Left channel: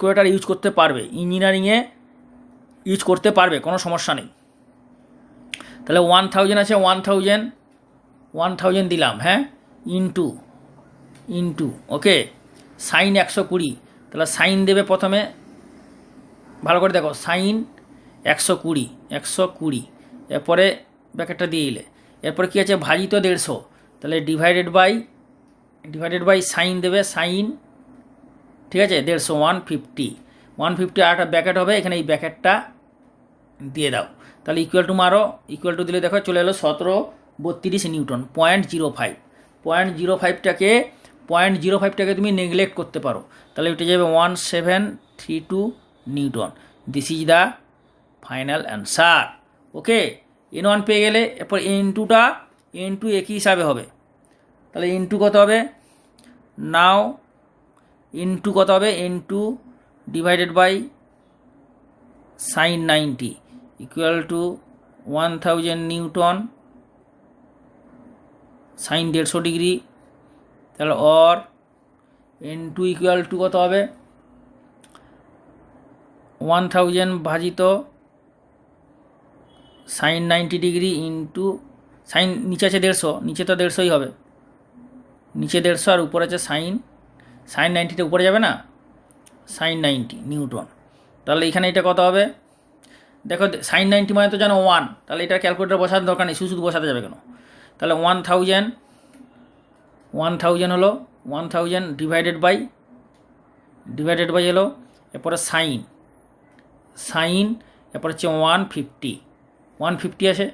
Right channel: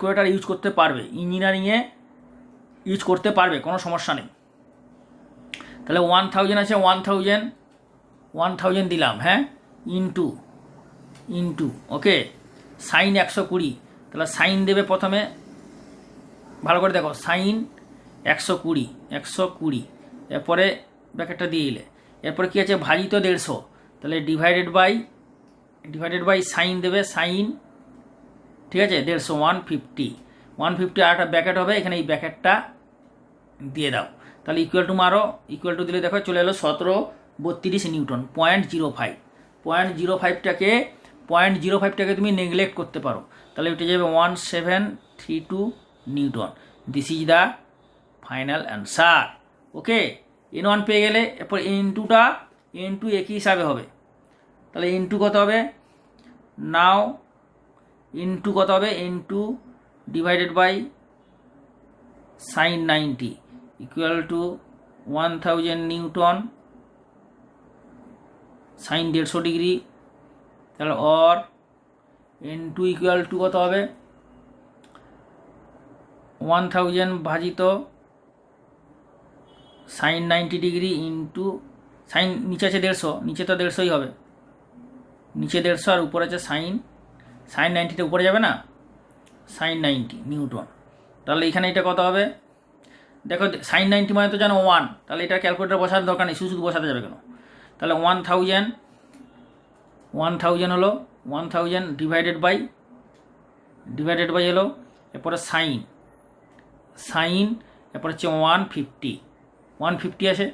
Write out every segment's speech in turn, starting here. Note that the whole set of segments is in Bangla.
ক্যালকুলেটর ইউজ করতে পারবে, ইঞ্জিনিয়ারিংয়ে ইউজ করতে পারবে, কোনো সমস্যা নেই। তাহলে 1000 আছে, 1000 দিলাম, হ্যাঁ, ইন্টু ওকে, সাইন 120, তাহলে সাইন দেবে প্রথমে, ভালো করে দেখো, সাইন 120, এরপরে ব্র্যাকেটটা দিয়ে দিলে, এরপরে কী আছে, ভাজিত 150, তাহলে ডিভাইডেড বাই সাইন দেবে, সাইন, ঠিক আছে, 150, 150 আর একটা ব্র্যাকেট হবে, এখানে এই ব্র্যাকেটটা দিয়ে দাও। তাহলে ইকুয়াল টু মারো, ইকুয়াল টু দিলে দেখো চলে এলো 1732 নিউটন। 0.05টাকে তুমি নেগলেক্ট করতে পারো, তাহলে এটা যাবে 1732 Newton. This is the final answer. Okay, N1 পেয়ে গেলে, এরপর N2 একই হিসাবে হবে, তাহলে N2 কত হবে, নাও N2 কত হবে, N2 divided by sine 90 equal to 1000 newton, sine 150 degree, তাহলে অর N2 ইকুয়াল টু কত হবে, 1000 ভাজিত সাইন 90 ডিগ্রি ইন্টু সাইন, নিচে আছে 150, নিচে তো 150ই হবে, নিচে 150 আর উপরে আছে সাইন 90টা উপরে যাবে না, সাইন 90 নিউটন। তাহলে এখানে এটা কত হবে, দেখো সাইন 90 মানে তো জানো 1, তাহলে এটা ক্যালকুলেটর বসানোর দরকার নেই, শুধু বসাতে যাবে কেন। তাহলে 1000 হলো 1000 ডিভাইডেড বাই এলো, এরপরে সাইন, এরপর হচ্ছে 150 আছে,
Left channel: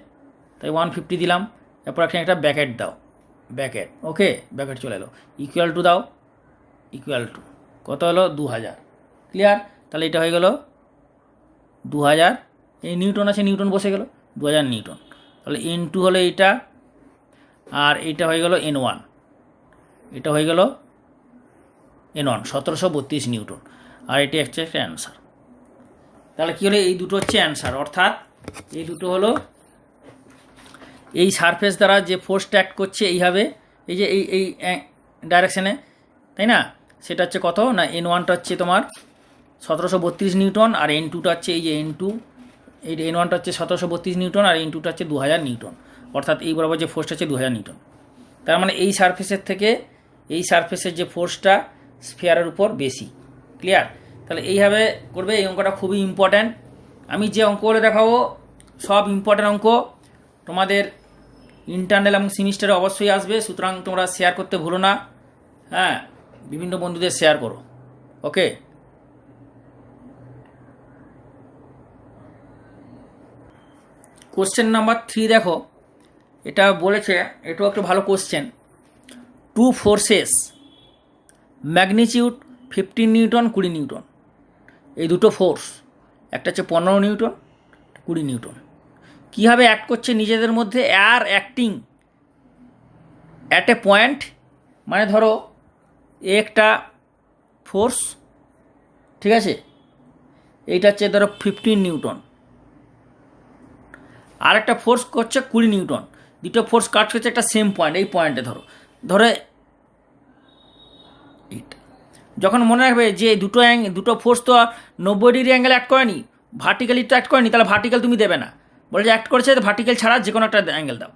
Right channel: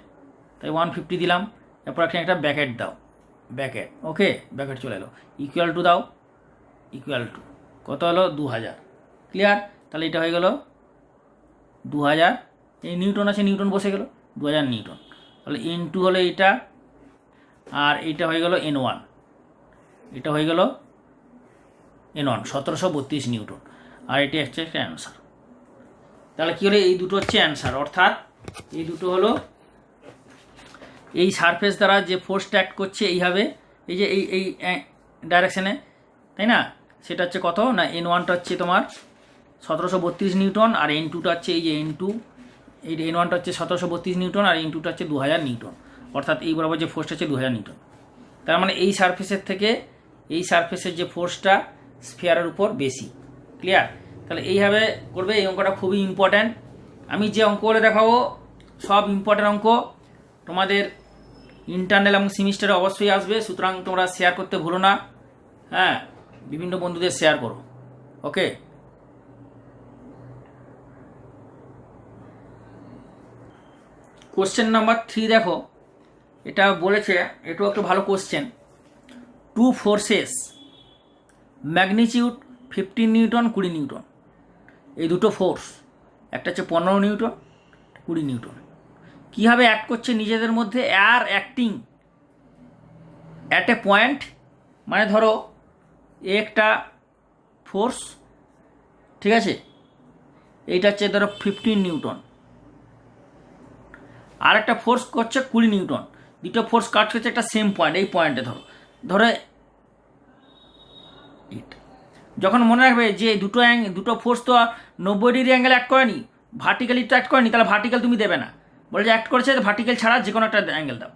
তাই 150 দিলাম, এরপর এখানে একটা ব্র্যাকেট দাও, ওকে, ব্র্যাকেট চলে এলো, ইকুয়াল টু দাও, ইকুয়াল টু কত হলো 2000, ক্লিয়ার। তাহলে এটা হয়ে গেল 2000, এই নিউটন আছে, নিউটন বসে গেল 2000 নিউটন। তাহলে N2 হলো এইটা, আর এইটা হয়ে গেল N1, এটা হয়ে গেল N1 1732 নিউটন, আর এটি হচ্ছে একটা অ্যান্সার। তাহলে কী হলো, এই দুটো হচ্ছে অ্যান্সার, অর্থাৎ এই দুটো হলো এই সারফেস দ্বারা যে ফোর্সটা অ্যাক্ট করছে এইভাবে, এই যে এই ডাইরেকশানে, তাই না, সেটা হচ্ছে কত না, N1টা হচ্ছে তোমার 1732 নিউটন, আর N2টা হচ্ছে এই যে N2, এই N1টা হচ্ছে 1732 নিউটন, আর N2টা হচ্ছে 2000 নিউটন, অর্থাৎ এই বরাবর যে ফোর্সটা হচ্ছে 2000 নিউটন। তার মানে এই সারফেসের থেকে এই সারফেসের যে ফোর্সটা স্ফিয়ারের উপর বেশি, ক্লিয়ার। তাহলে এইভাবে করবে, এই অঙ্কটা খুবই ইম্পর্ট্যান্ট। আমি যে অঙ্কগুলো দেখাবো সব ইম্পর্ট্যান্ট অঙ্ক, তোমাদের ইন্টারনাল এবং সেমিস্টারে অবশ্যই আসবে, সুতরাং তোমরা শেয়ার করতে ভুলো না, হ্যাঁ, বিভিন্ন বন্ধুদের শেয়ার করো, ওকে। কোশ্চেন নাম্বার 3 দেখো, এটা বলেছে, এটাও একটা ভালো question. 2 forces, magnitude 15 Newton 20 Newton, এই দুটো ফোর্স, একটা হচ্ছে 15 নিউটন 20 নিউটন, কীভাবে অ্যাক্ট করছে নিজেদের মধ্যে, আর অ্যাক্টিং অ্যাট এ পয়েন্ট, মানে ধরো একটা ফোর্স, ঠিক আছে, এইটা হচ্ছে ধরো 15 নিউটন, আর একটা ফোর্স করছে 20 নিউটন, দুটো ফোর্স কাজ করছে একটা সেম পয়েন্ট, এই পয়েন্টে ধরো এইটা। যখন মনে রাখবে যে দুটো ফোর্স তো 90 ডিগ্রি অ্যাঙ্গেল অ্যাক্ট করেনি, ভার্টিক্যালি তো অ্যাক্ট করেনি, তাহলে ভার্টিক্যাল তুমি দেবে না, বলে যে অ্যাক্ট করেছে ভার্টিক্যাল ছাড়া যে কোনো একটা অ্যাঙ্গেল দাও।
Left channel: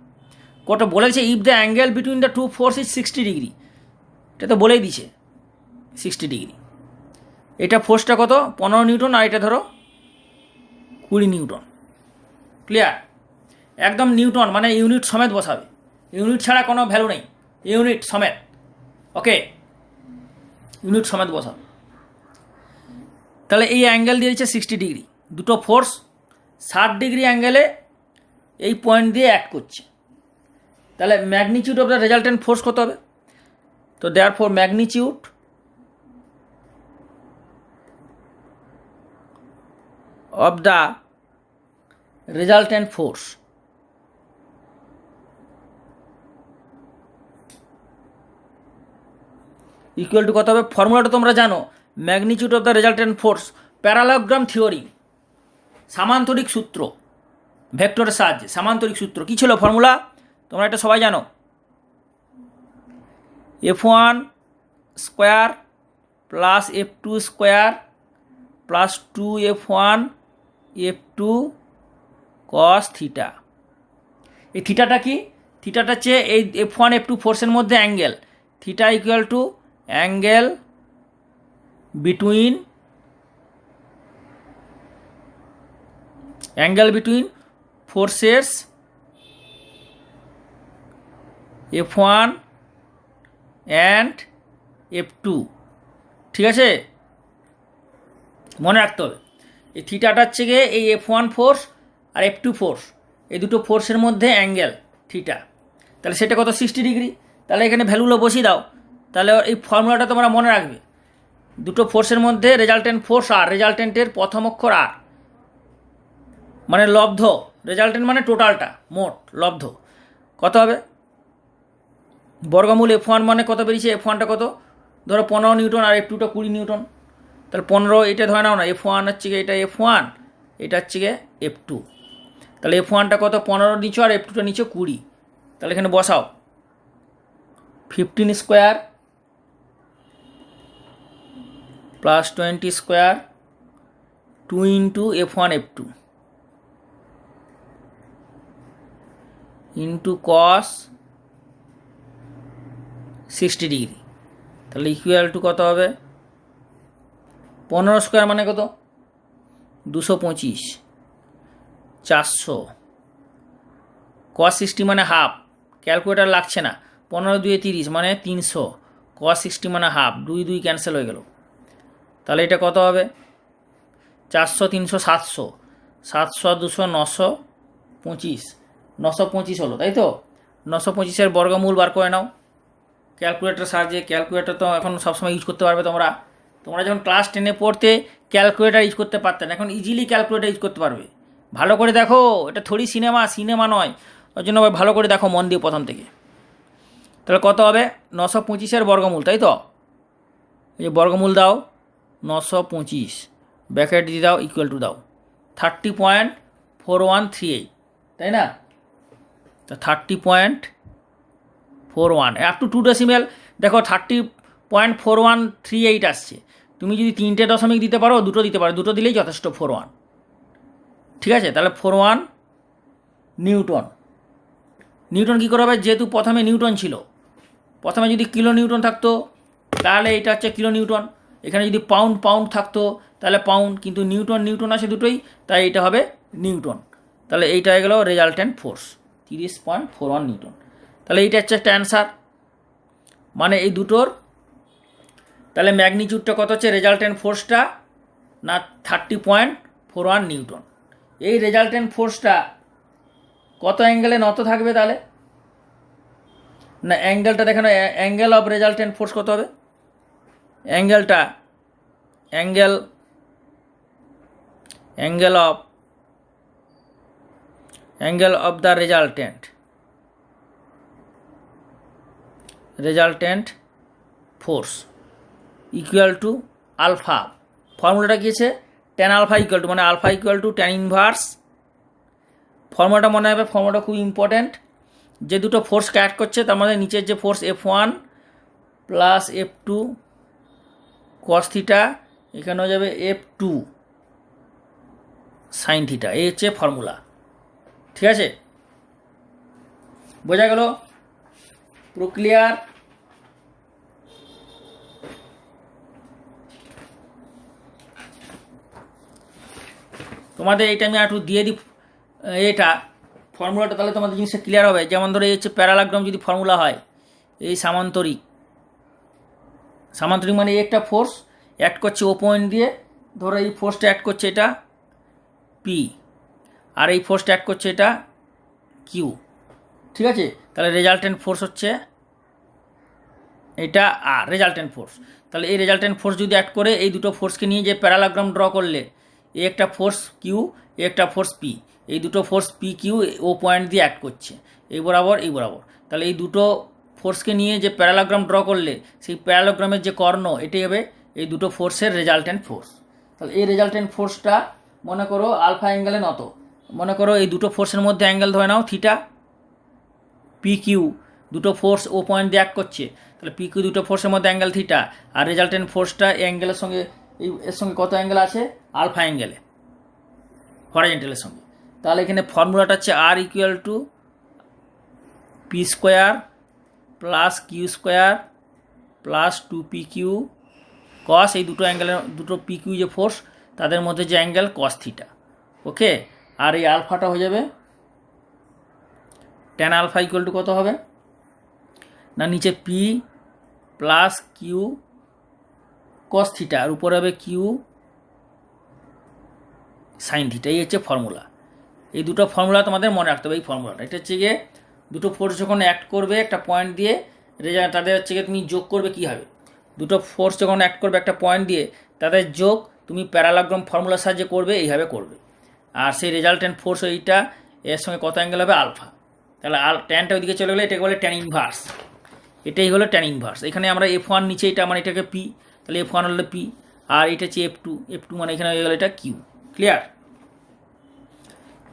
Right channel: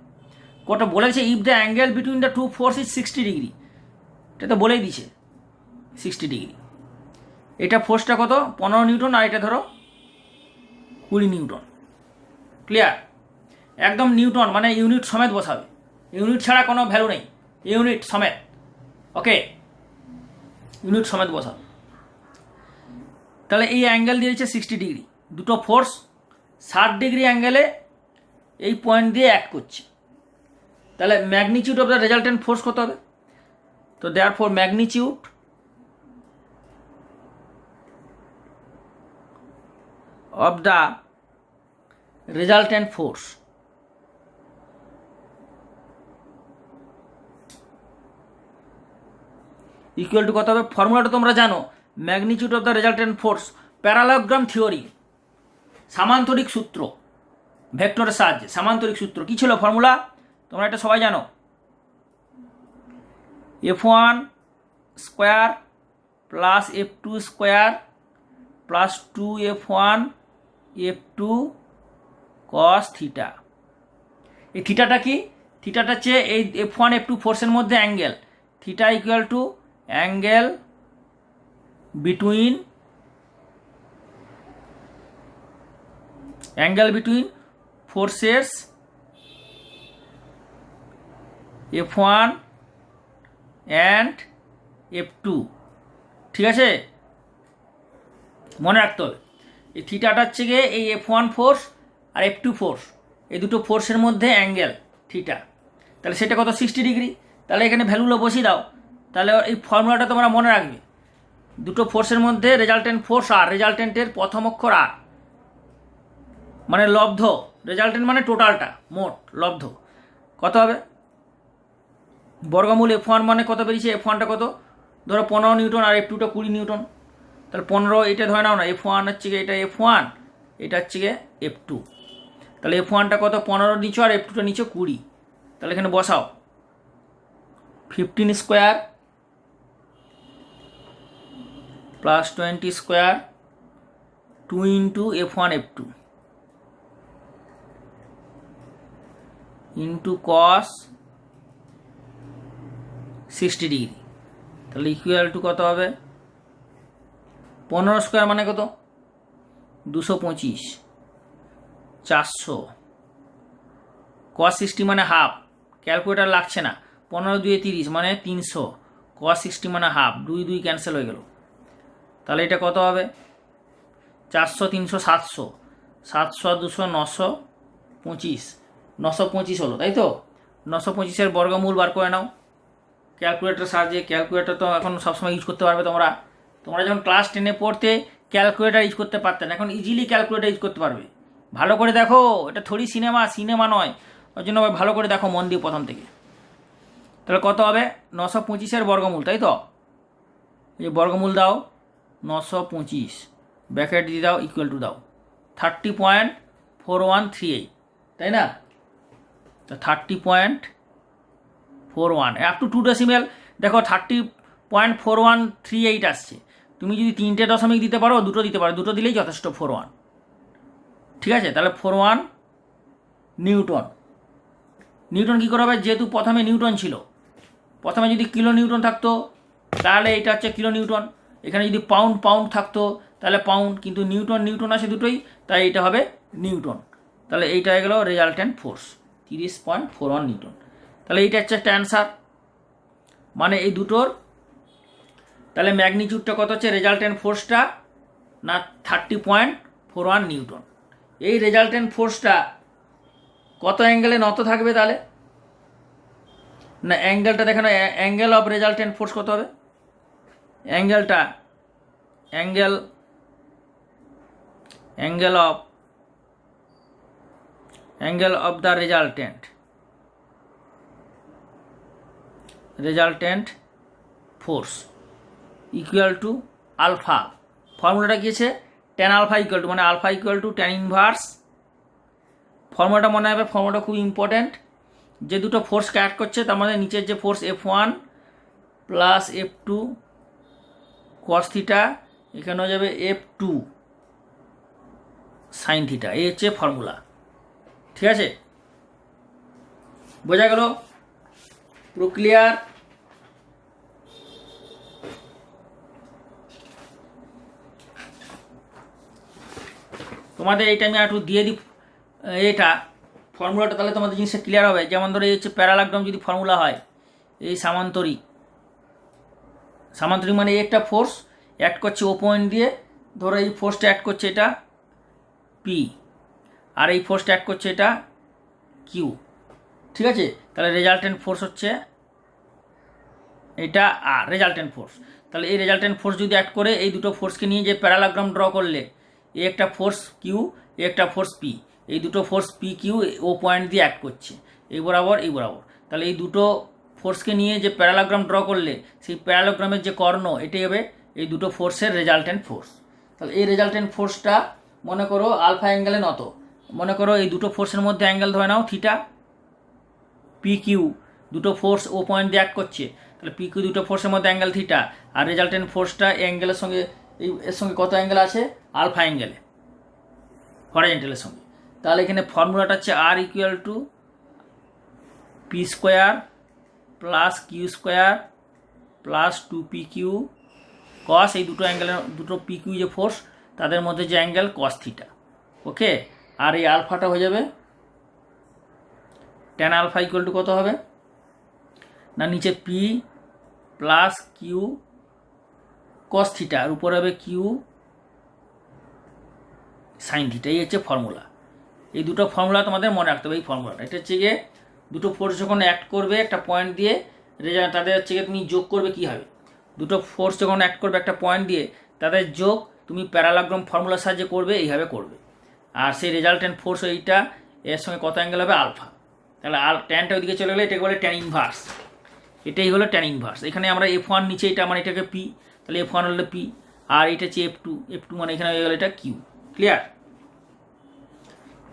কত বলেছে, if the angle between the two force is 60 degree, এটা তো বলেই দিছে 60 ডিগ্রি। এটা ফোর্সটা কত 15 নিউটন, আর এটা ধরো 20 নিউটন, ক্লিয়ার। একদম নিউটন মানে ইউনিট সমেত বসাবে, ইউনিট ছাড়া কোনো ভ্যালু নেই, ইউনিট সমেত, ওকে, ইউনিট সমেত বসাবে। তাহলে এই অ্যাঙ্গেল দিয়েছে 60 ডিগ্রি, দুটো ফোর্স 60 ডিগ্রি অ্যাঙ্গেলে এই পয়েন্ট দিয়ে অ্যাক্ট করছে, তাহলে magnitude of the resultant force কত হবে, তো therefore magnitude of the resultant force equal to কত হবে, ফর্মুলাটা তোমরা জানো, magnitude of the resultant force, parallelogram theory, সামান্তরিক সূত্র, ভেক্টরের সাহায্যে সামান্তরিক সূত্র, কী ছিল ফর্মুলা, তোমরা এটা সবাই জানো, F1 square plus F2 square plus 2f1 f2 cos theta. এই থিটাটা কি? থিটাটা হচ্ছে এই f1 f2 ফোর্সের মধ্যে angle. Theta equal to angle between forces f1 and f2। ঠিক আছে, মনে রাখতে হবে এই থিটাটা হচ্ছে গিয়ে এই f1 ফোর্স আর f2 ফোর্স, এই দুটো ফোর্সের মধ্যে অ্যাঙ্গেল থিটা। তাহলে সেটা কত? 60 ডিগ্রি। তাহলে এখানে ভ্যালুগুলো বসিয়ে দাও। তাহলে এই ফর্মুলাটা তোমরা মনে রাখবে, দুটো ফোর্সের মধ্যে রেজাল্টেন্ট ফোর্স আর রেজাল্টেন্টের প্রথম অক্ষর আর, মানে লব্ধ। রেজাল্টেন্ট মানে টোটালটা, মোট লব্ধ কত হবে? বর্গমূল f1 মানে কত বেরিয়েছে? f1টা কত? ধরো 15 নিউটন আর f2টা 20 নিউটন। তাহলে 15 এটা ধরে নাও না, f1 হচ্ছে গিয়ে এটা f1, এটা হচ্ছে গিয়ে f2। তাহলে f1টা কত? 15 নিচো আর f2টা নিচে 20। তাহলে এখানে বসাও 15 square plus 20 square 2 into f1 f2 into cos 60 degree. তাহলে ইকুয়াল টু কত হবে? 15 স্কোয়ার মানে কত? 225, 400, কস 60 মানে হাফ, ক্যালকুলেটার লাগছে না, 15 2 30 মানে 300, কস 60 মানে হাফ, 2 2 ক্যান্সেল হয়ে গেল। তাহলে এটা কত হবে? 400 300 700, 700 200 925, 925 হলো, তাই তো? 925-এর বর্গমূল বার করে নাও ক্যালকুলেটার সাহায্যে। ক্যালকুলেটার তো এখন সবসময় ইউজ করতে পারবে তোমরা। তোমরা যখন ক্লাস 10-এ পড়তে ক্যালকুলেটার ইউজ করতে পারতে না, এখন ইজিলি ক্যালকুলেটার ইউজ করতে পারবে। ভালো করে দেখো, এটা থোড়ি সিনেমা নয়, ওই জন্য ভালো করে দেখো মন দিয়ে প্রথম থেকে। তাহলে কত হবে? 925-এর বর্গমূল, তাই তো? এই যে বর্গমূল দাও 925, ব্র্যাকেট দিয়ে দাও, ইকুয়াল টু দাও 30.4138, তাই না? তো 30.41 আপ টু 2 ডেসিমেল। দেখো 30.4138 আসছে। তুমি যদি 3টে দশমিক দিতে পারো, দুটো দিতে পারো, দুটো দিলেই যথেষ্ট 41। ঠিক আছে, তাহলে 41 নিউটন। নিউটন কী করে হবে? যেহেতু প্রথমে নিউটন ছিল, প্রথমে যদি কিলো নিউটন থাকতো তাহলে এটা হচ্ছে কিলো নিউটন, এখানে যদি পাউন্ড থাকতো তাহলে পাউন্ড, কিন্তু নিউটন আসে দুটোই, তাই এটা হবে নিউটন। তাহলে এইটা হয়ে গেল রেজাল্টেন্ট ফোর্স 30.41 নিউটন। তাহলে এইটা হচ্ছে একটা অ্যান্সার। মানে এই দুটোর তাহলে ম্যাগনিটিউডটা কত হচ্ছে? রেজাল্টেন্ট ফোর্সটা না 30.41 নিউটন। এই রেজাল্টেন্ট ফোর্সটা কত অ্যাঙ্গেলে নত থাকবে তাহলে? না অ্যাঙ্গেলটা দেখো না, অ্যাঙ্গেল অফ রেজাল্টেন্ট ফোর্স কত হবে? Angle of the resultant force equal to alpha. ফর্মুলাটা গিয়েছে tan আলফা ইকুয়াল টু, মানে alpha equal to tan inverse. ফর্মুলাটা মনে হবে, ফর্মুলাটা খুব ইম্পর্ট্যান্ট। যে দুটো ফোর্সকে অ্যাড করছে তার মধ্যে নিচের যে force f1 plus f2 cos theta, এখানে হয়ে যাবে f2 সাইন থিটা। এই হচ্ছে ফর্মুলা। ঠিক আছে, বোঝা গেল? পুরো ক্লিয়ার? তোমাদের এইটা আমি একটু দিয়ে দিই এটা ফর্মুলাটা, তাহলে তোমাদের জিনিসটা ক্লিয়ার হবে। যেমন ধরো এই হচ্ছে প্যারালাগ্রাম যদি ফর্মুলা হয়, এই সামান্তরিক মানে একটা ফোর্স অ্যাড করছে ও পয়েন্ট দিয়ে, ধরো এই ফোর্সটা অ্যাড করছে এটা পি, আর এই ফোর্সটা অ্যাড করছে এটা কিউ। ঠিক আছে, তাহলে রেজাল্টেন্ট ফোর্স হচ্ছে এটা আর রেজাল্টেন্ট ফোর্স। তাহলে এই রেজাল্টেন্ট ফোর্স যদি অ্যাড করে এই দুটো ফোর্সকে নিয়ে যে প্যারালাগ্রাম ড্র করলে, এই একটা ফোর্স কিউ, এই একটা ফোর্স পি, এই দুটো ফোর্স পি কিউ ও পয়েন্ট দিয়ে অ্যাড করছে এই বরাবর। তাহলে এই দুটো ফোর্সকে নিয়ে যে প্যারালাগ্রাম ড্র করলে সেই প্যারালাগ্রামের যে কর্ণ, এটাই হবে এই দুটো ফোর্সের রেজাল্টেন্ট ফোর্স। তাহলে এই রেজাল্টেন্ট ফোর্সটা মনে করো আলফা অ্যাঙ্গেলে নত। মনে করো এই দুটো ফোর্সের মধ্যে অ্যাঙ্গেল ধরে নাও থিটা। পি কিউ দুটো ফোর্স ও পয়েন্ট দিয়ে অ্যাড করছে, তাহলে পি কিউ দুটো ফোর্সের মধ্যে অ্যাঙ্গেল থিটা, আর রেজাল্টেন্ট ফোর্সটা এই অ্যাঙ্গেলের সঙ্গে এর সঙ্গে কত অ্যাঙ্গেল আছে? আলফা অ্যাঙ্গেলে, হরাইজন্টালের সঙ্গে। তাহলে এখানে ফর্মুলাটা হচ্ছে R equal to P square plus Q square plus 2pq cos, এই দুটো অ্যাঙ্গেলের দুটো পিকিউ যে ফোর্স তাদের মধ্যে যে অ্যাঙ্গেল কস থিটা। ওকে, আর এই আলফাটা হয়ে যাবে ট্যান আলফা ইকুয়াল টু কত হবে না, নিচে P plus Q cos theta, আর উপরে হবে কিউ সাইন থিটা। এই হচ্ছে ফর্মুলা। এই দুটো ফর্মুলা তোমাদের মনে রাখতে হবে। এই ফর্মুলাটা এটা হচ্ছে গিয়ে দুটো ফোর্স যখন অ্যাক্ট করবে একটা পয়েন্ট দিয়ে, তাদের হচ্ছে গিয়ে তুমি যোগ করবে কী হবে, দুটো ফোর্স যখন অ্যাক্ট করবে একটা পয়েন্ট দিয়ে তাদের যোগ তুমি প্যারালাগ্রাম ফর্মুলার সাহায্যে করবে, এইভাবে করবে। আর সেই রেজাল্টেন্ট ফোর্স ওইটা এর সঙ্গে কত অ্যাঙ্গেল হবে? আলফা। তাহলে ট্যানটা ওইদিকে চলে গেলে এটাকে বলে ট্যান ইনভার্স। এটাই হলো ট্যান ইনভার্স। এখানে আমরা F1 নিচে, এটা মানে এটাকে পি, তাহলে F1 হলো পি, আর এটা হচ্ছে F2 মানে এখানে হয়ে গেলো এটা কিউ। ক্লিয়ার?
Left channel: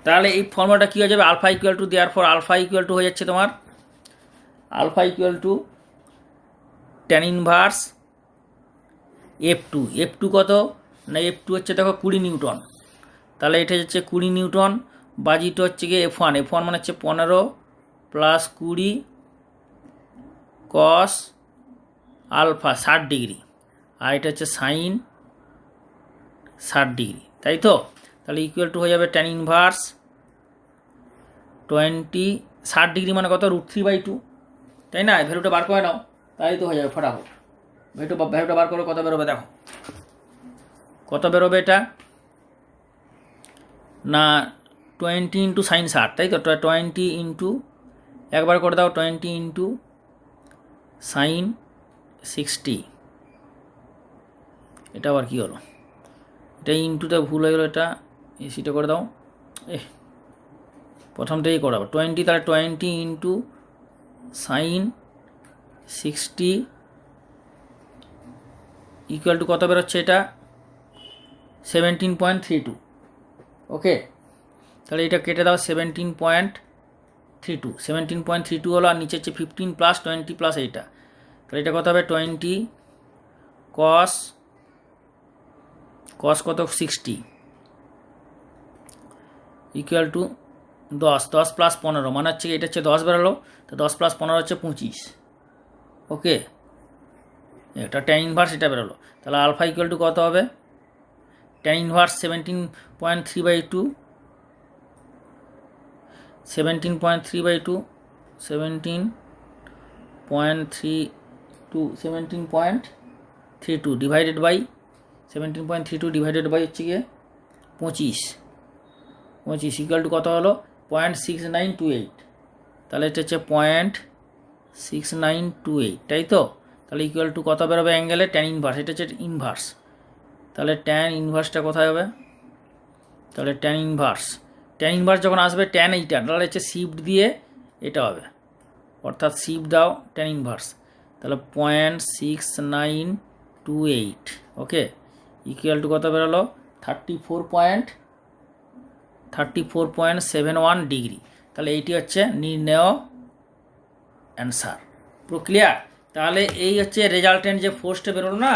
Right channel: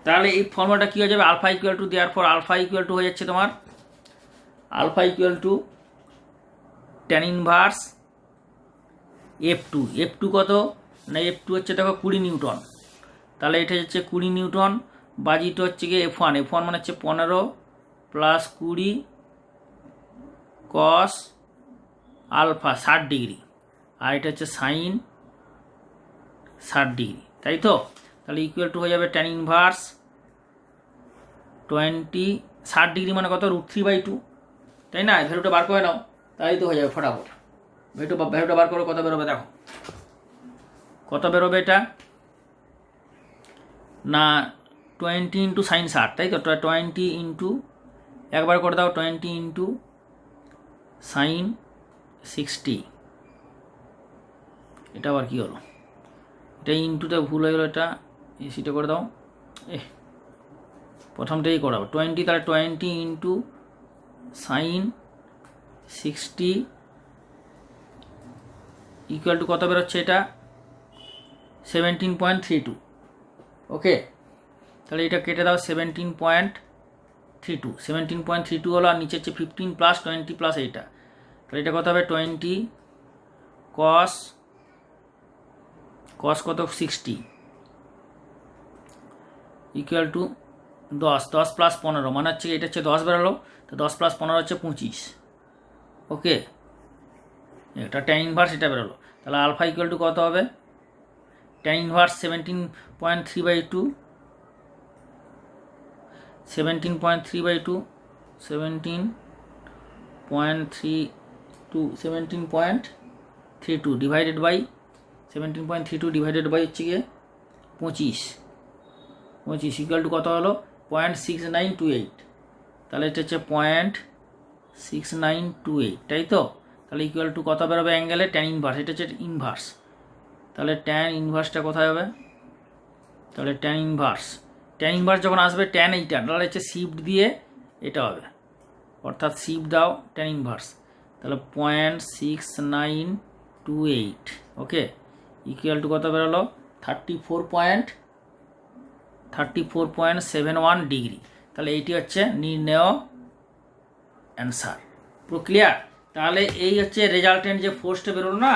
তাহলে এই ফর্মুলাটা কী হয়ে যাবে? আলফা ইকুয়াল টু, দেওয়ার পর আলফা ইকুয়াল টু হয়ে যাচ্ছে তোমার alpha equal to tan inverse F2 কত না, F2 হচ্ছে দেখো 20 নিউটন। তাহলে এটা হচ্ছে 20 নিউটন, বাজিটা হচ্ছে গিয়ে F1 মানে হচ্ছে 15 প্লাস 20 কস আলফা 60 ডিগ্রি, আর এটা হচ্ছে সাইন 60 ডিগ্রি, তাই তো? তাহলে ইকুয়াল টু হয়ে যাবে ট্যান ইনভার্স 20, 60 ডিগ্রি মানে কত? √3/2, তাই না? ভ্যালুটা বার করে নাও, তাই তো হয়ে যাবে ফটাফট। ভ্যালুটা বার করো, কত বেরোবে দেখো, কত বেরোবে এটা না 20 ইন্টু সাইন 60, তাই তো? 20 ইন্টু, একবার করে দাও, 20 ইন্টু সাইন 60, এটা আবার কী হলো, এটা ইন্টুটা ভুল হয়ে গেলো, এটা এসিটা করে দাও, প্রথমটাই করাবো 20, তাহলে 20 ইন্টু সাইন 60 ইকুয়াল টু কত বেরোচ্ছে এটা? 17.32। ওকে, তাহলে এটা কেটে দাও, 17.32 হলো, আর নিচে হচ্ছে 15 প্লাস 20 প্লাস এইটা, তাহলে এটা কত হবে? 20 কস কত 60 ইকুয়াল টু 10 প্লাস 15 মানে হচ্ছে এটা হচ্ছে 10 বেরোলো, তো 10 প্লাস 15 হচ্ছে 25। ওকে, এটা ট্যান ইনভার্স এটা বেরোলো। তাহলে আলফা ইকুয়াল টু কত হবে? Tan inverse 17.3/2, 17.32 divided by 17.32 divided by হচ্ছে গিয়ে 25 ইকুয়াল টু কত হলো? 0.6928। তাহলে এটা হচ্ছে 0.6928, তাই তো? তাহলে ইকুয়াল টু কত বেরোবে অ্যাঙ্গেলে? ট্যান ইনভার্স, এটা হচ্ছে ইনভার্স। তাহলে ট্যান ইনভার্সটা কোথায় হবে? তাহলে ট্যান ইনভার্স যখন আসবে ট্যান এইটা, তাহলে হচ্ছে শিফট দিয়ে এটা হবে, অর্থাৎ শিফট দাও ট্যান ইনভার্স, তাহলে 0.6928। ওকে, ইকুয়াল টু কত বেরোলো? 34.71 ডিগ্রি। তাহলে এইটি হচ্ছে নির্ণেয় অ্যান্সার। পুরো ক্লিয়ার? তাহলে এই হচ্ছে রেজাল্টেন্ট যে ফোর্সটা বেরোলো না,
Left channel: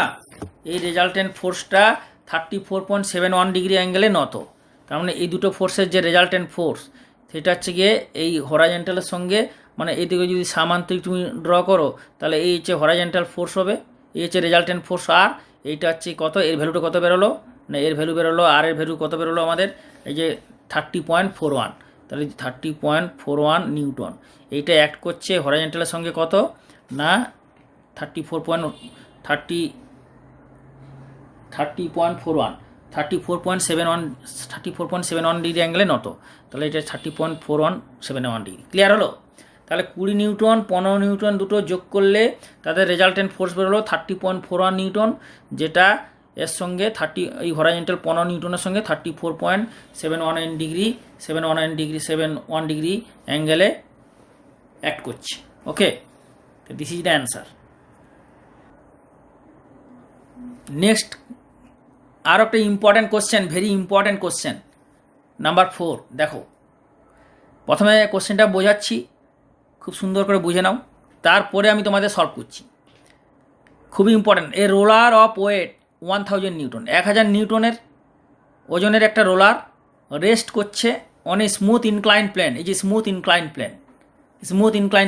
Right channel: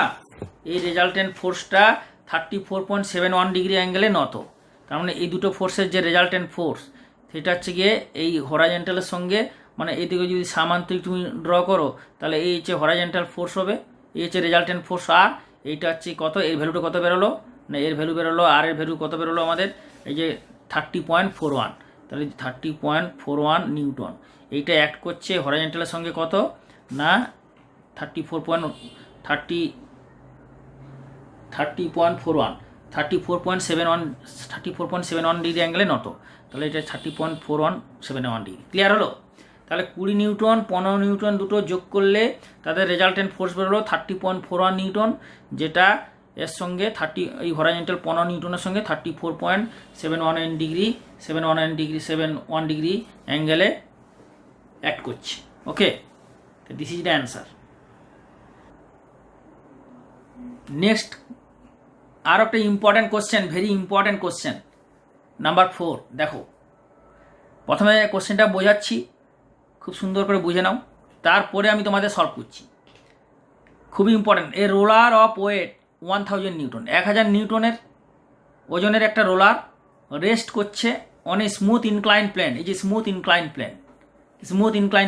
এই রেজাল্টেন্ট ফোর্সটা 34.71 ডিগ্রি অ্যাঙ্গেলে নত। তার মানে এই দুটো ফোর্সের যে রেজাল্টেন্ট ফোর্স সেটা হচ্ছে গিয়ে এই হরাইজন্টালের সঙ্গে, মানে এইদিকে যদি সামান্তরিক তুমি ড্র করো তাহলে এই হচ্ছে হরাইজন্টাল ফোর্স হবে, এই হচ্ছে রেজাল্টেন্ট ফোর্স, আর এইটা হচ্ছে কত, এর ভ্যালুটা কত বেরোলো না, এর ভ্যালু বেরোলো, আর এর ভ্যালু কত বেরোলো আমাদের? এই যে 30.41, তাহলে 30.41 নিউটন। এইটা অ্যাক্ট করছে হরাইজন্টালের সঙ্গে কত না 34.71 ডিগ্রি অ্যাঙ্গেলে নত। তাহলে এটা 30.4171 ডিগ্রি। ক্লিয়ার হলো? তাহলে 20 নিউটন 15 নিউটন দুটো যোগ করলে তাদের রেজাল্টেন্ট ফোর্স বেরোলো 30.41 নিউটন, যেটা এর সঙ্গে এই হরাইজন্টাল 15 নিউটনের সঙ্গে 34.71 ডিগ্রি অ্যাঙ্গেলে অ্যাক্ট করছে। ওকে, তো this is the answer. Next আরও একটা important question, very important question number 4। দেখো, প্রথমে কোশ্চেনটা বোঝাচ্ছি, খুব সুন্দর করে বুঝে নাও, তারপরে আমি তোমাদের সলভ করছি। খুবই ইম্পর্ট্যান্ট। A roller of weight 1000 newton, 1000 নিউটনের ওজনের একটা রোলার রেস্ট করছে on a smooth inclined plane. এই যে smooth inclined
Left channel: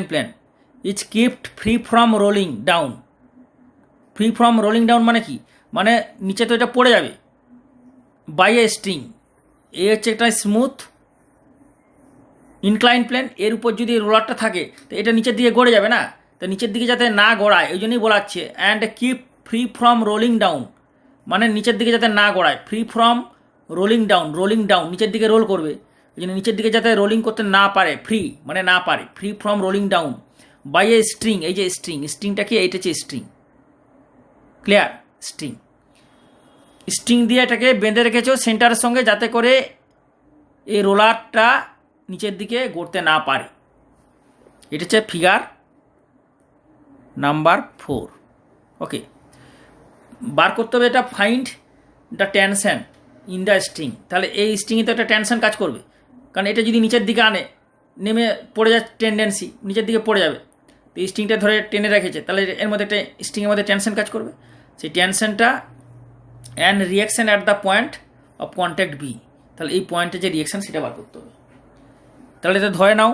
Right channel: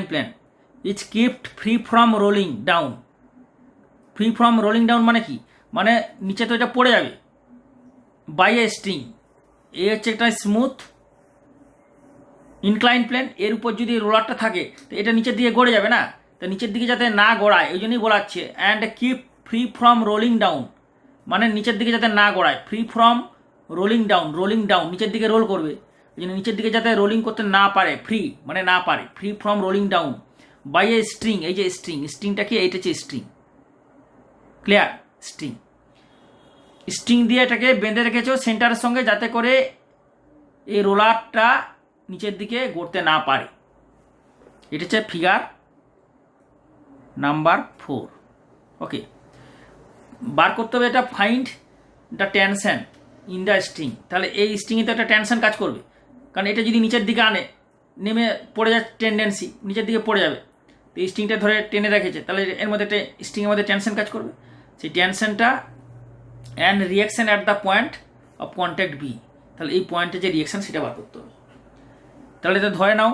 plane is kept free from rolling down. Free from rolling down মানে কি, মানে নিচে তো এটা পড়ে যাবে বাই এ স্ট্রিং। এই হচ্ছে একটা স্মুথ ইনক্লাইন প্লেন, এর উপর যদি রোলারটা থাকে তো এটা নিচের দিকে গড়ে যাবে না, তো নিচের দিকে যাতে না গড়ায় ওই জন্যই বলাচ্ছে। And keep free from rolling down মানে নিচের দিকে যাতে না গড়ায়, ফ্রি ফ্রম রোলিং ডাউন নিচের দিকে রোল করবে, ওই জন্য নিচের দিকে যাতে রোলিং করতে না পারে, ফ্রি মানে না পারে, free from rolling down by a string. এই যে স্ট্রিংটা কি, এইটা হচ্ছে স্ট্রিং, ক্লিয়ার? স্ট্রিং দিয়ে এটাকে বেঁধে রেখেছো সেন্টারের সঙ্গে যাতে করে এই রোলারটা নিচের দিকে গড়তে না পারে। এটা হচ্ছে ফিগার নাম্বার 4। ওকে, বার করতে হবে এটা, find the tension in the string. তাহলে এই স্ট্রিংয়ে তো একটা টেনশন কাজ করবে, কারণ এটা যদি নিচের দিকে আনে নেমে পড়ে যাচ্ছে, টেন্ডেন্সি নিচের দিকে পড়ে যাবে। তো এই স্ট্রিংটা ধরে টেনে রেখেছে, তাহলে এর মধ্যে একটা স্ট্রিংয়ের মধ্যে টেনশন কাজ করবে। সেই টেনশনটা and reaction at the point of contact B, তাহলে এই পয়েন্টে যে রিয়াকশান সেটা বার করতে হবে। তাহলে এটা ধরে নাও,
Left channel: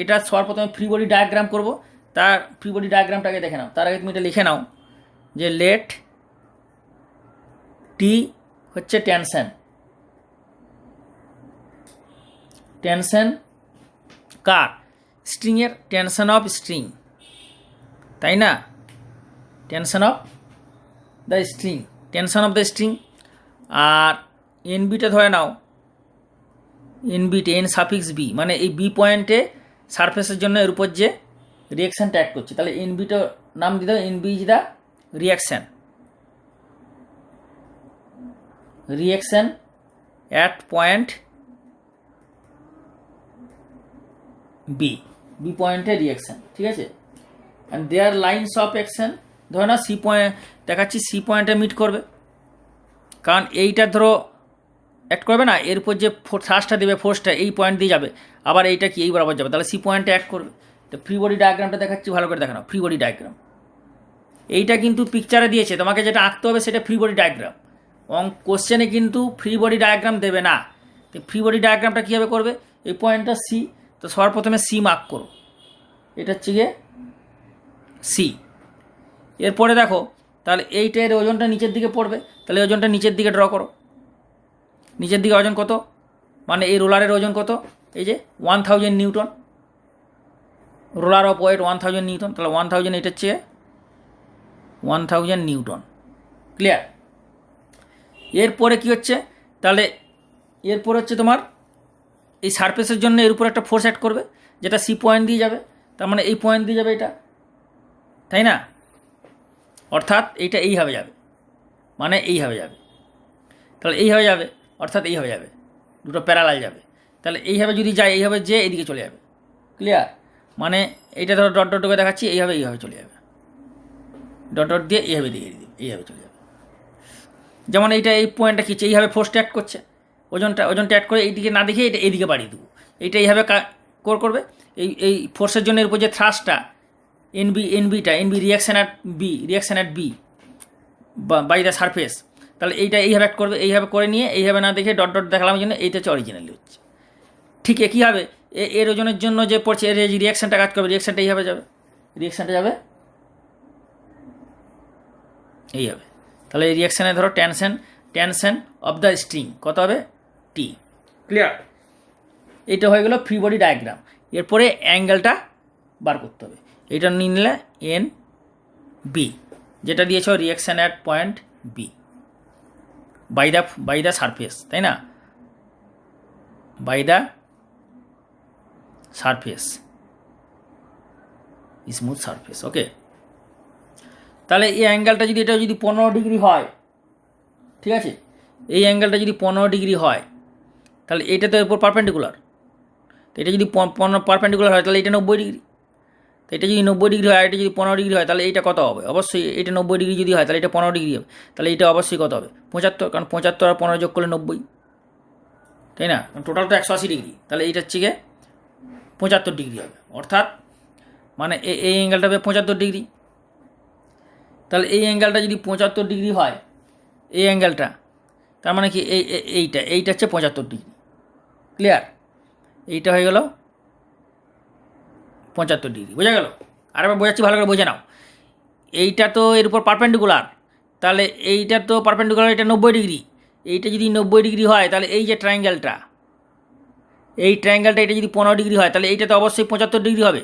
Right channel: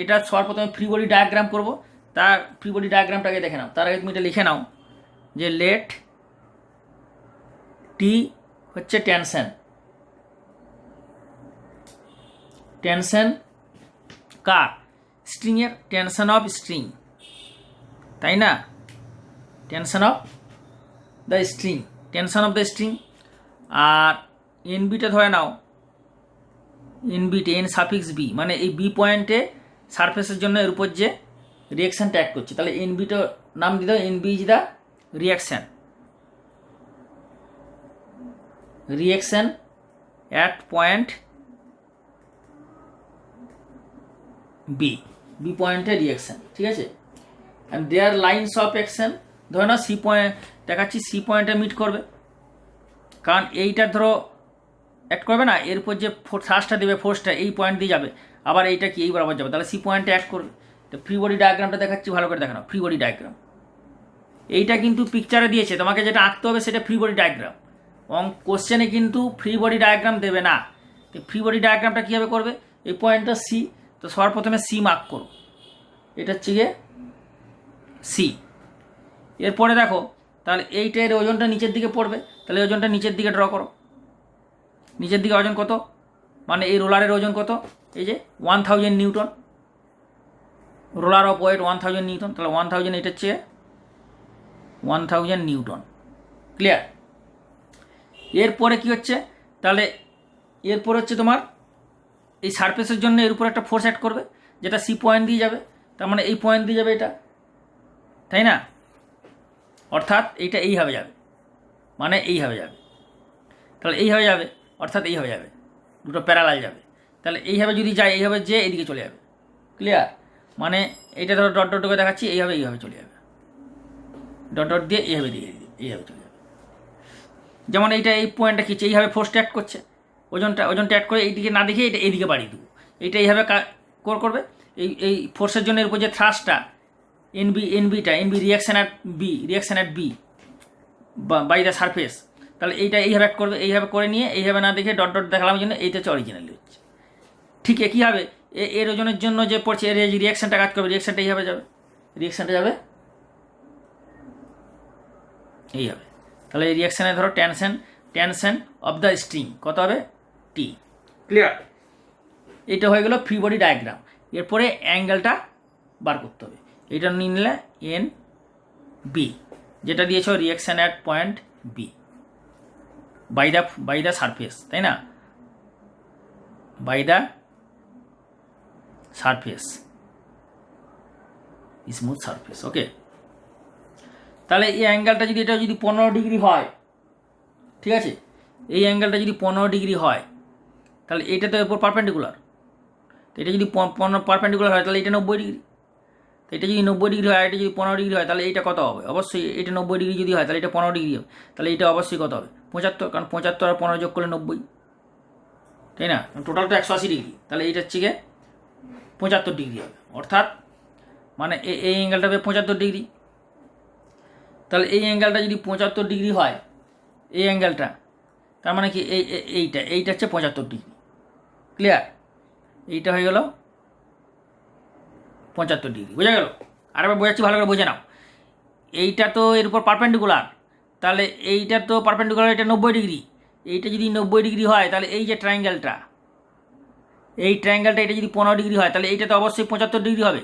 এটা সবার প্রথমে ফ্রি বডি ডায়াগ্রাম করবো। তার ফ্রি বডি ডায়াগ্রামটাকে দেখে নাও, তার আগে তুমি এটা লিখে নাও যে লেট টি হচ্ছে টেনশন কার, স্ট্রিংয়ের টেনশন অফ স্ট্রিং, তাই না? Tension of the string. আর এনবিটা ধরে নাও, এন সাফিক্স বি, মানে এই বি পয়েন্টে সারফেসের জন্য এর উপর যে রিয়াকশানটা অ্যাক্ট করছে, তাহলে এনবিটা নাম দিয়ে দাও, NB is the reaction at point B পয়েন্টে রিয়াকশান, ঠিক আছে? And their lines of action, ধরো না সি পয়েন্ট দেখাচ্ছি, সি পয়েন্টে মিট করবে, কারণ এইটা ধরো অ্যাক্ট করবে না, এর উপর যে থ্রাস্টটা দেবে, ফোর্সটা এই পয়েন্ট দিয়ে যাবে, আবার এইটা কি এই বরাবর যাবে, তাহলে সি পয়েন্টে অ্যাক্ট করবে। তো ফ্রি বডি ডায়াগ্রামটা দেখাচ্ছি, ভালো করে দেখানো। ফ্রি বডি ডায়াগ্রাম এইটা কিন্তু পিকচারে দিয়েছে, তোমাকে যেটা আঁকতে হবে সেটা ফ্রি বডি ডায়াগ্রাম। কোশ্চেনে কিন্তু ফ্রি বডি ডায়াগ্রাম দেবে না। তো ফ্রি বডি ডায়াগ্রামটা কীভাবে করবে, এই পয়েন্টটা সি, তো সবার প্রথমে সি মার্ক করো, এটা হচ্ছে গিয়ে সি। এরপরে দেখো তাহলে এইটার ওজনটা নিচের দিকে পড়বে, তাহলে ওজনটা নিচের দিকে ড্র করো। নিচের দিকে ওজন কত, মানে এই রোলারের ওজন কত, এই যে 1000 newton, roller of weight 1000 newton, তাহলে 1000 এটা হচ্ছে 1000 নিউটন, ক্লিয়ার? এরপরে কি হচ্ছে, তাহলে এরপর হচ্ছে তোমার এই সারফেসের জন্য এর উপর একটা ফোর্স অ্যাড করবে, যেটা সি পয়েন্ট দিয়ে যাবে, তার মানে এই পয়েন্ট দিয়ে যাবে এটা, তাই না? অর্থাৎ এইটা এইভাবে যাবে, মানে এইভাবে যাবে, তাহলে এইভাবে যাবে, অর্থাৎ এইভাবে যাবে, দুটো প্যারালাল যাবে। তাহলে এইভাবে যদি যায়, এইভাবে যে এদিকে চলে যাবে, ক্লিয়ার? মানে এইটা ধরো ডট ডট করে দেখাচ্ছি, এইভাবে চলে যাবে, ডট ডট দিয়ে এইভাবে দিয়ে এইভাবে চলে যাবে। যেমন এইটা এই পয়েন্টটা খিচ্ছে, এইভাবে ফোর্সটা অ্যাড করছে, ওজনটা অ্যাড করে এইদিকে না দেখে এটা এইদিকে বাড়িয়ে দেবো, এইটা এইভাবে করবে। এই ফোর্সের জন্য এর উপর যে থ্রাস্টটা NB reaction at B by the surface, তাহলে এইটা এইভাবে অ্যাড করবে, এইভাবে করে নিয়ে এইভাবে না দেখে ডট ডট দেখালাম জন্য এইটা হচ্ছে অরিজিনালি হচ্ছে। ঠিক একইভাবে এর ওজনের জন্য যে পড়ছে এর যে রিয়াকশানটা কাজ করবে, রিয়াকশানটা এইভাবে যাবে, রিয়াকশানটা যাবে এইভাবে। তাহলে এই রিয়াকশানে ধরো টেনশন অফ দ্য স্ট্রিং কত হবে, টি, ক্লিয়ার? এটা হয়ে গেল ফ্রি বডি ডায়াগ্রাম। এরপরে অ্যাঙ্গেলটা বার করতে হবে, এটা নিয়ে নিলে এন বি, যেটা দিয়েছ reaction at point B by the surface, তাই না? By the surface, smooth surface, okay? তাহলে এই অ্যাঙ্গেলটা যদি এটা যদি 15 ডিগ্রি হয়, ঠিক আছে, এই অ্যাঙ্গেলটা যদি 15 ডিগ্রি হয়, তাহলে এটা তো এরপর পারপেন্ডিকুলার, তো এটা যদি পারপেন্ডিকুলার হয় তাহলে এটা 90 ডিগ্রি, তো এটা যদি 90 ডিগ্রি হয়, এটা যদি 15 ডিগ্রি হয়, তাহলে এইটা কত হবে, অবশ্যই এটা 90 ডিগ্রি যদি হয় তাহলে এটা 15 ডিগ্রি হবে, তাহলে এটা অবশ্যই কত হবে, 75, কারণ 75 আর 15 যোগ করলে 90, তাই না? টোটাল তো 180 ডিগ্রি, তাহলে এইটা হচ্ছে গিয়ে 75 ডিগ্রি হবে, অর্থাৎ মানে এই অ্যাঙ্গেলটা হবে 75 ডিগ্রি। তাহলে এই অ্যাঙ্গেলটা যদি 75 ডিগ্রি হয়, এই অ্যাঙ্গেলটা, তার মানে কি এইটা হচ্ছে 75 ডিগ্রি। ক্লিয়ার? এইটা হয়ে গেল 75 ডিগ্রি। বোঝা গেল? আরেকবার বোঝাচ্ছি, ভালো করে বোঝে নাও। এইটা তো এর উপর পারপেন্ডিকুলার, তাহলে এইটা তো পারপেন্ডিকুলার, এটা 90 ডিগ্রি। এইটা যদি 90 ডিগ্রি হয় তাহলে এই যে ট্রায়াঙ্গেলটা, এই ট্রায়াঙ্গেলটা এটা যদি 15 ডিগ্রি হয় তাহলে এইটা তো অবশ্যই 75 ডিগ্রি হবে,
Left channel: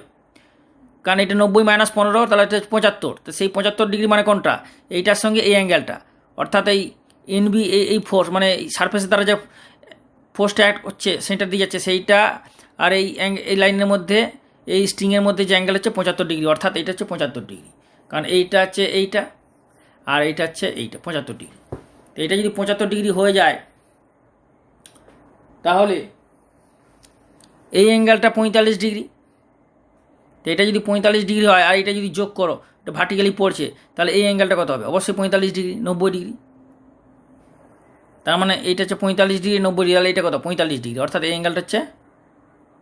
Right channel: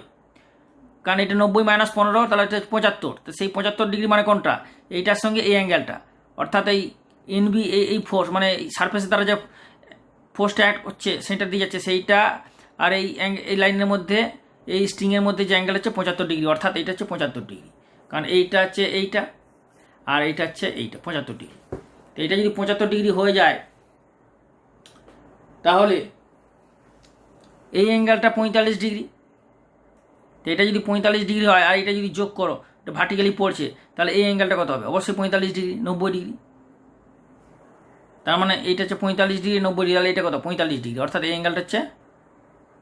কারণ এটা 90 - 15, তাহলে এটা 75। তো সেই 75 ডিগ্রি মানে কোনটা? এইটার সঙ্গে এই অ্যাঙ্গেলটা, অর্থাৎ এই এনবি, এই ফোর্স মানে সারফেসের দ্বারা যে ফোর্সটা অ্যাড হচ্ছে সেন্টার দিয়ে যাচ্ছে সেইটা, আর এই লাইনের মধ্যে, এই স্ট্রিংয়ের মধ্যে যে অ্যাঙ্গেল হচ্ছে 75 ডিগ্রি, অর্থাৎ এইটা হচ্ছে 75 ডিগ্রি, কারণ এইটা হচ্ছে এইটা আর এইটা হচ্ছে এইটা 75 ডিগ্রি। তো এটা যদি 75 ডিগ্রি হয়ে যায় তাহলে এই অ্যাঙ্গেলটা 45 ডিগ্রি। তো এটা যদি 45 ডিগ্রি হয় আর এটা যদি যোগ করো, এটা ভার্টিক্যালি পড়ছে, তাহলে এই অ্যাঙ্গেলটা কত হবে? অবশ্যই 45 ডিগ্রি, 90 ডিগ্রি। তার মানে এইটা হচ্ছে 45 ডিগ্রি, 90 ডিগ্রি, তাহলে এটা কত? 45 ডিগ্রি, অর্থাৎ এই অ্যাঙ্গেলটা হচ্ছে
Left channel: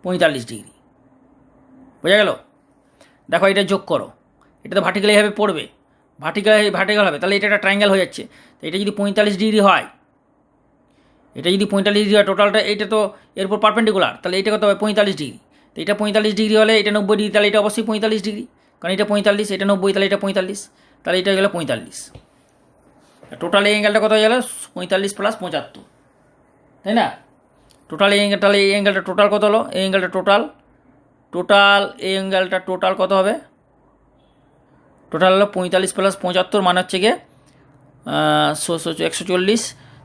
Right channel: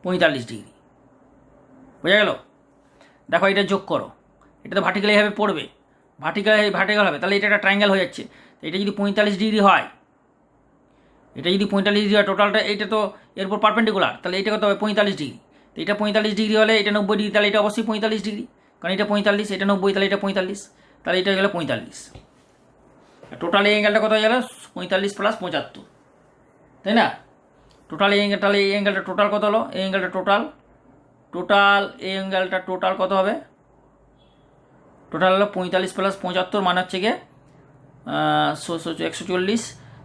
45 ডিগ্রি। বোঝা গেল? দেখো এটা যোগ করো, এটা তো ভার্টিক্যালিভাবে পড়বে, ভার্টিক্যাল হবে, তাহলে এটা একটা ট্রায়াঙ্গেল হয়ে যাচ্ছে। তো এটা যদি 45 ডিগ্রি হয়, এটা যদি 45 ডিগ্রি হয়, টোটালটা এইটা তো এরপর পারপেন্ডিকুলার, তাহলে এটা কত হবে? 45 ডিগ্রি। তো এটা 45 ডিগ্রি হলে এটা 90 ডিগ্রি, তাহলে এটা অবশ্যই 45 ডিগ্রি, কারণ এটা 45, এটা 90, তাহলে এটা 45, তাহলে এটা হয়ে গেলো 45। টোটাল এই অ্যাঙ্গেলটা কত হয়ে গেল? 45 + 75, তাই না? টোটাল এই অ্যাঙ্গেল, তাহলে এই অ্যাঙ্গেলটা টোটাল কত হলো? এই অ্যাঙ্গেলটা এই অ্যাঙ্গেলটা টোটাল কত হবে? টোটাল হলো 45 + 75, মানে হচ্ছে গিয়ে 140,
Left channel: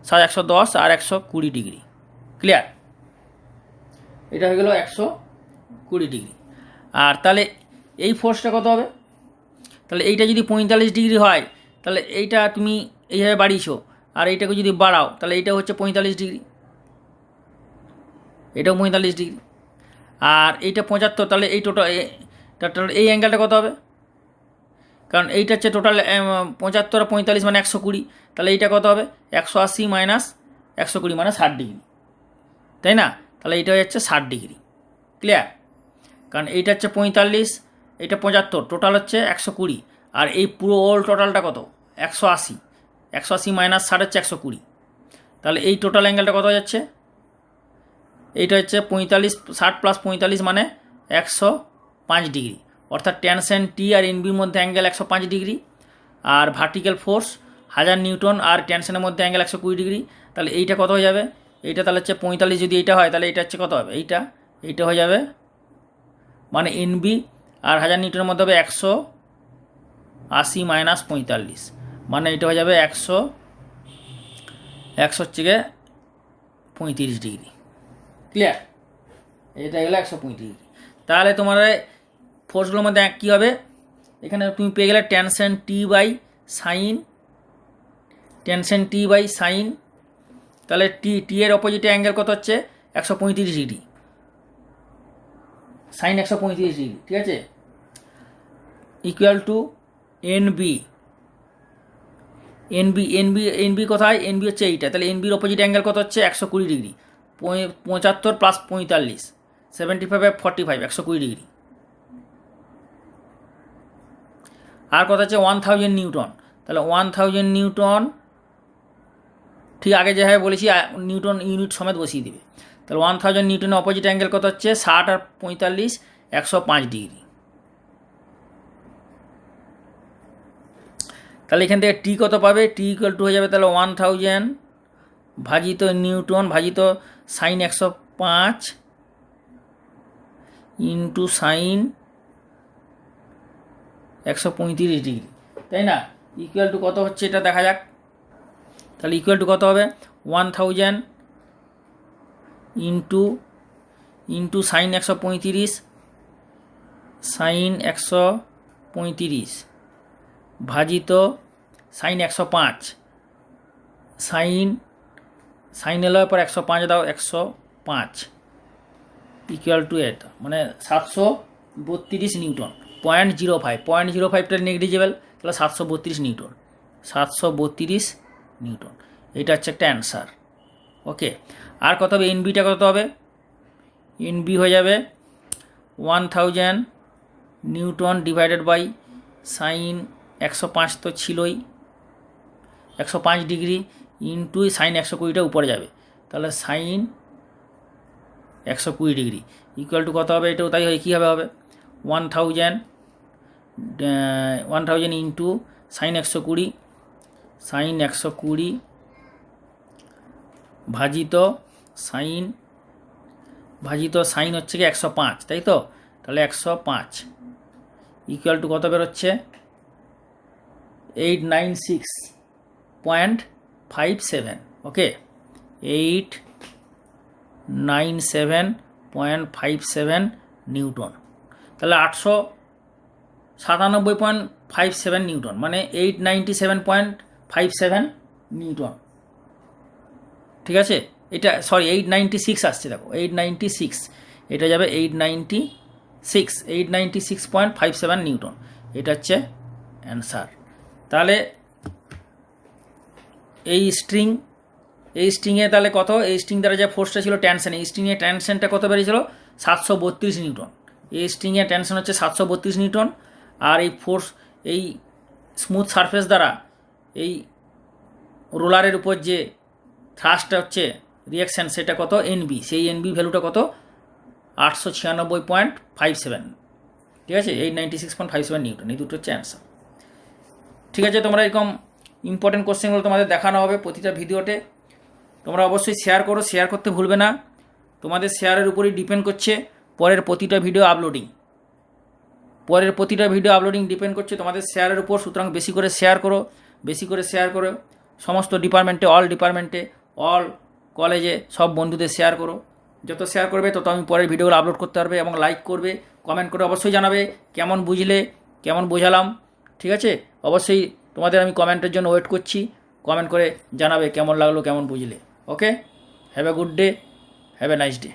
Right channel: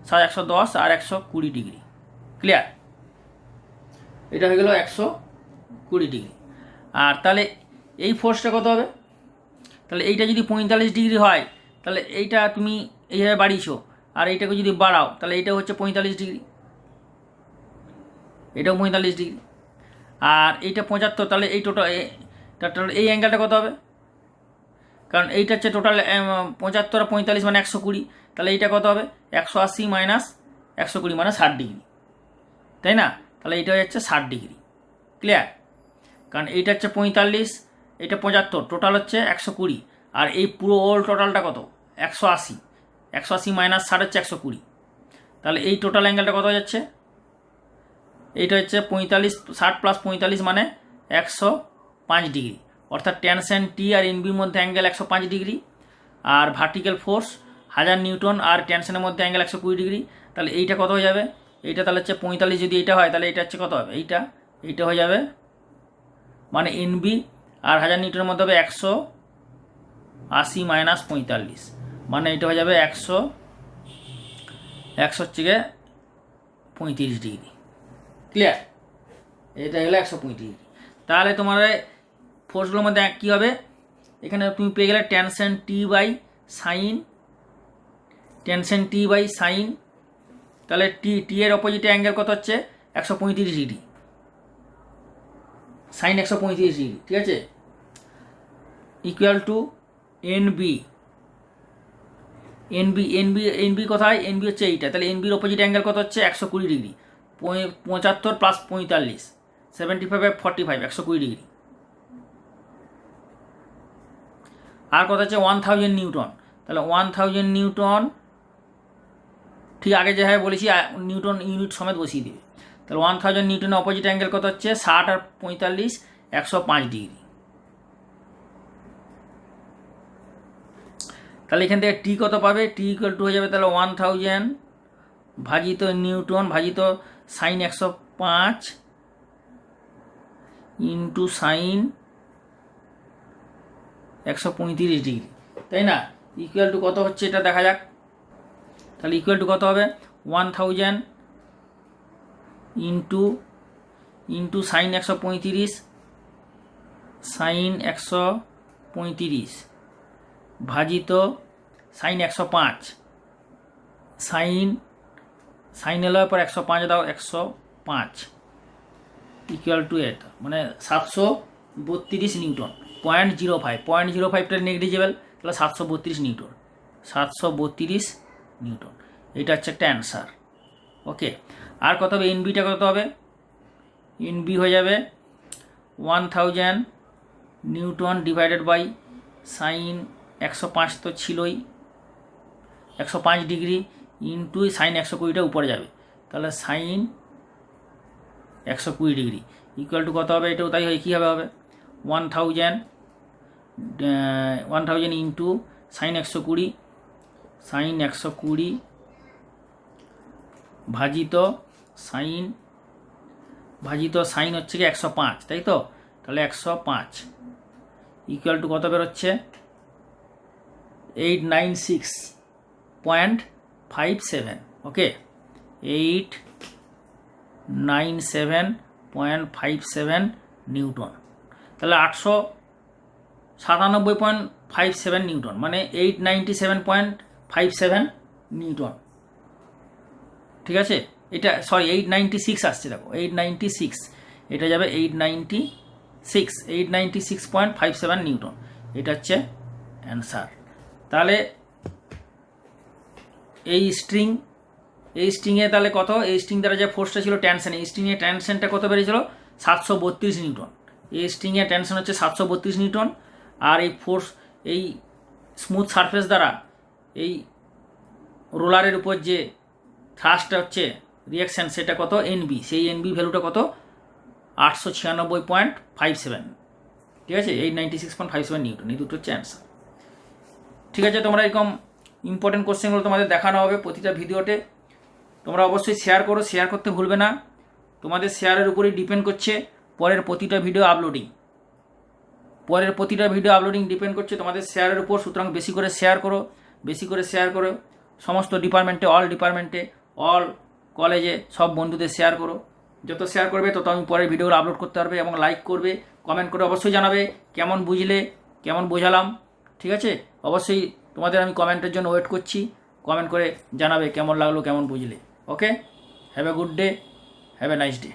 110 আর 120 ডিগ্রি। ক্লিয়ার? এটা হয়ে গেল 120 ডিগ্রি। আর তাহলে এই ফোর্সটা কত হবে? তাহলে এইটা যদি 45 ডিগ্রি হয় তাহলে এইটা তুমি এইভাবে বাড়িয়েছো, আর এইটাকে যদি বাড়াও তাহলে এইটা হচ্ছে 45 ডিগ্রি, এটাও 45 ডিগ্রি, আর এইটা 75, তাহলে এই টোটাল এই অ্যাঙ্গেলটা কত হবে? কারণ এইটা হচ্ছে টোটাল 75 আর 45 মানে 120, তাহলে এইটা কত হবে? 180 - 120 মানে 60 ডিগ্রি, তাই না? তাহলে এইটা হচ্ছে 60 ডিগ্রি। ক্লিয়ার? কারণ এইটা হচ্ছে 45, এটা 75, টোটাল হচ্ছে 120, আর এই পুরো ওল টোটালটা কত? 180, 180 - 60 হচ্ছে 120, তাহলে এই টোটাল অ্যাঙ্গেলটা কত যাচ্ছে? এইটা হচ্ছে 45, 60 + 45 মানে 105 ডিগ্রি, অর্থাৎ টেনশন টি আর এনবির মধ্যে অ্যাঙ্গেল 105 ডিগ্রি, আর ভার্টিক্যাল ফোর্স 1000 নিউটন আর টেনশনের মধ্যে অ্যাঙ্গেল 120 ডিগ্রি। তাহলে এইটা কত হয়ে যাবে? এইটা তাহলে হচ্ছে 45, যদি এইটা হয় তাহলে এটা হচ্ছে কত হবে? এইটা হয়ে যাবে, মানে এনবি আর 1000 নিউটনের মধ্যে হবে 180 - 45, মানে এটা হয়ে যাবে 100 হচ্ছে গিয়ে 35 ডিগ্রি। ক্লিয়ার? এটা গেলো 135 ডিগ্রি। তাহলে তোমার ফোর্সগুলোর মধ্যে কী হবে? এখানে তুমি পেয়ে গেলে টেনশন টি বাই সাইন, তাহলে টি এর অপোজিটে অ্যাঙ্গেল কত হচ্ছে? 135 ডিগ্রি, সাইন 135 ডিগ্রি, ঠিক আছে? ইকুয়াল টু এনবি কোথায়? এনবি হচ্ছে এইটা, তাহলে এনবির অপোজিট অ্যাঙ্গেল কত হচ্ছে? 120 ডিগ্রি, 75 + 45, 75 / 45, 120 ডিগ্রি। আর কত হচ্ছে? 1000 নিউটন, তাহলে 1000 নিউটন, ঠিক আগে যেভাবে বলেছি নিউটন ইউনিট সমেত বসিয়ে দেবে। তাহলে 1000 নিউটনের অপোজিট অ্যাঙ্গেল কত হচ্ছে? 60 আর 45, 105 ডিগ্রি। তাহলে এখান থেকে টি কত পাবে? টি ইকুয়াল টু হয়ে যাবে তাহলে 1000 ভাজিত নিউটন ভাজিত সাইন 105 ইন্টু সাইন 135 ডিগ্রি, তাই না? ইকুয়াল টু কত হচ্ছে এটা দেখা যাক। তাহলে ইকুয়াল টু কত হবে? 1000 ইন্টু সাইন 135 ভাজিত সাইন 105, সাইন এলো পর 105 দাও, 105 ইকুয়াল টু এটা, মানে 732 নিউটন, 0.05টা নেগলিজেবল, তাহলে 732 নিউটন, 732 নিউটন। এটা হচ্ছে একটা অ্যান্সার। ওকে, আর কত হবে? এনবিটা কত হবে? এনবি হয়ে যাবে 1000 নিউটন ডিভাইডেড বাই সাইন 105 তো ছিলই, 105 ডিগ্রি ইন্টু সাইন 120টা উপরে যাবে, তাহলে সাইন 120 ডিগ্রি ইকুয়াল টু কত হবে? এটাও তাই হয়, কীভাবে হবে? 1000 ইন্টু সাইন 120, সাইন 120 ভাজিত সাইন হচ্ছে কি 105, তাই তো? তাহলে 105 ইকুয়াল টু কত বেরোচ্ছে? 896.57, ওকে, 897.57 নিউটন। তাহলে 897.57 নিউটন মানে 897.57 নিউটন, ঠিক আছে? এটা সরি 896 আসছে, দেখো 896, এটা যাবে 896.57 নিউটন, এটা হচ্ছে অ্যান্সার। তাহলে এই স্ট্রিংয়ে তাহলে কত? এই স্ট্রিং দ্বারা যে ফোর্সটা ছিল টেনশন, এই স্ট্রিংয়ে টেনশনটা কত বেরিয়েছিল? 732 নিউটন। এই স্ট্রিংয়ে টেনশন হচ্ছে 732 নিউটন, আর এই ফোর্স এই স্মুথ সারফেস দ্বারা এই রোলারের উপর যে থ্রাস্টটা হচ্ছে রিয়াকশান, সেটা কত? এনবি, সেই এনবি ভ্যালুটা কত? 896.57, ঠিক আছে? 896.57 নিউটন, এই দুটো হচ্ছে অ্যান্সার। ঠিক আছে, তোমরা এরকম ইম্পর্টেন্ট কোশ্চেনগুলো তোমাদের দেখানো হবে প্রতিটা ভিডিওতে। তোমরা অবশ্যই শেয়ার করো, শেয়ার করতে ভুলবে না। তোমাদের শেয়ারের উপরেই ডিপেন্ড করছে পরের প্রতিটা ভিডিও আপলোডিং ডিপেন্ড করছে তোমাদের শেয়ারের উপর। সুতরাং বেশি করে শেয়ার করো সমস্ত ডিপার্টমেন্টে, অল কলেজে, সব বন্ধুদের শেয়ার করো। যত শেয়ার করবে তত আমি পরের ভিডিওগুলো আপলোড করতে পারবে, এবং লাইক করবে, কমেন্ট করে অবশ্যই জানাবে কেমন বুঝলে, কেমন বোঝালাম, ঠিক আছে? অবশ্যই তোমাদের আমি কমেন্টের জন্য ওয়েট করছি, কমেন্ট করে জানাবে কেমন লাগলো, কেমন বুঝলে। Okay, have a good day, have a nice day.